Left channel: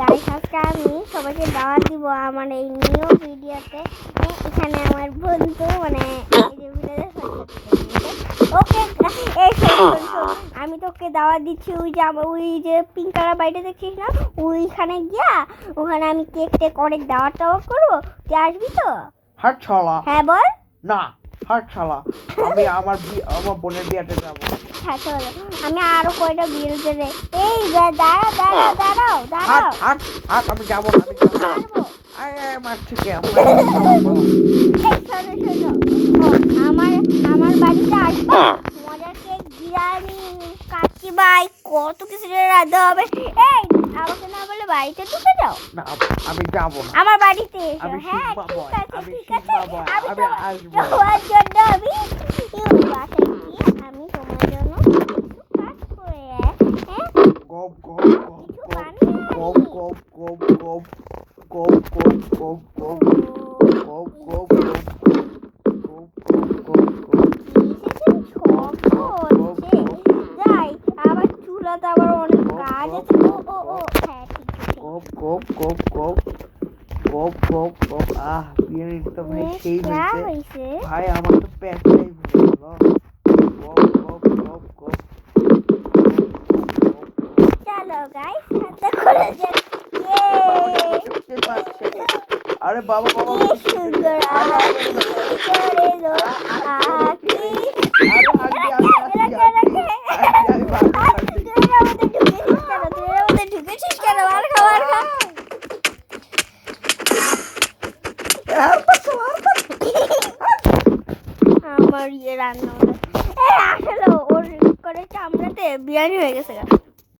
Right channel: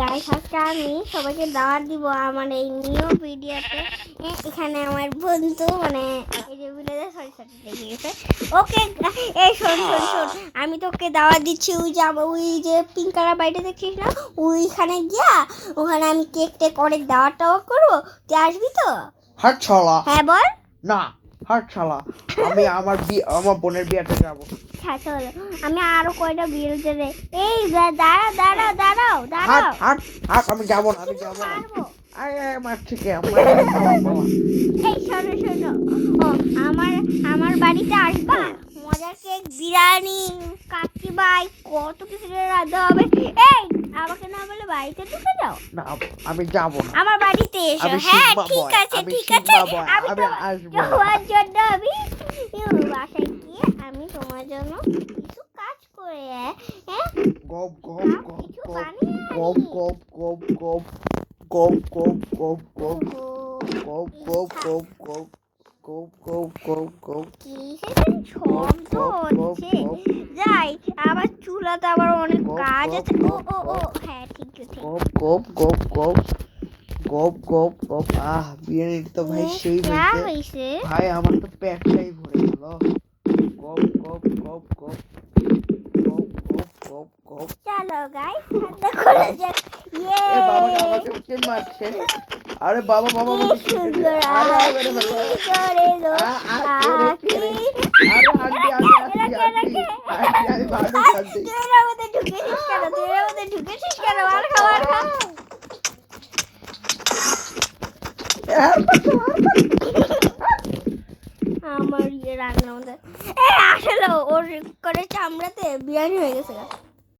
Guys আজকে আমি সবাইকে দাওয়াত দিব আমার এই নিউ ভিডিওতে। এখানে আমার বন্ধু মানে এই যে ভিডিওতে ওকে এই শোন আমি তোকে দাওয়াত দিচ্ছি। ওই যে পিঙ্ক কালার বাড়িটা দেখছিস না, ওইখানে গিয়া ওখানে আমি কেক টেক অনেক দাওয়াত করবো, তুই আসবি তো? হাট ছলা। হ্যাঁ বল। না হাট ছলা, আমি আমার বোনের বিয়েতে যাবো। হ্যাঁ চলো, আমি আরো কয়টা বিয়ে দেবে। এই দাঁড়াও হাট আমি যাবো না, আমি যাবো না। পারবো। আরে মারছি কে এই শোনো আমার বাড়িতে আসবা, মজার কেক, বিরিয়ানি, কাচ্চি ভাই, কত কিছু রাঁধতে হবে। এই আমাকে না বলে বাড়িতে ঢুকে যাও। না আমি যাবো না, আমার বাড়িতে এসো। হ্যাঁ ঠিক আছে আমি তোমার জন্য আমি বাসায় গিয়ে আমি তোমার জন্য কিছু কাজ করে গপ কিছু বানিয়ে গপ গপ গপ গপ গপ গপ গপ গপ গপ গপ গপ যাই আবার চুলাতে আবার অনেক কাজ আছে। ও হ্যাঁ ঠিক আছে। গপ গপ গপ গপ গপ গপ আহ বিরিয়ানি তো ভাই সেই হয়েছে ভাই, আমার তো পেটটাই ভরে গেল। গপ গপ গপ গপ চলো গাইস ঠান্ডা করে যাক। আরে বাবা কি সুন্দর আঁকি করে লো আঁকি। ঢুকেছিস কেন? আর খাবার খা। আমার রান্না আসলে ওর করে চামড়াতে বিরিয়ানি হয়ে গেছে।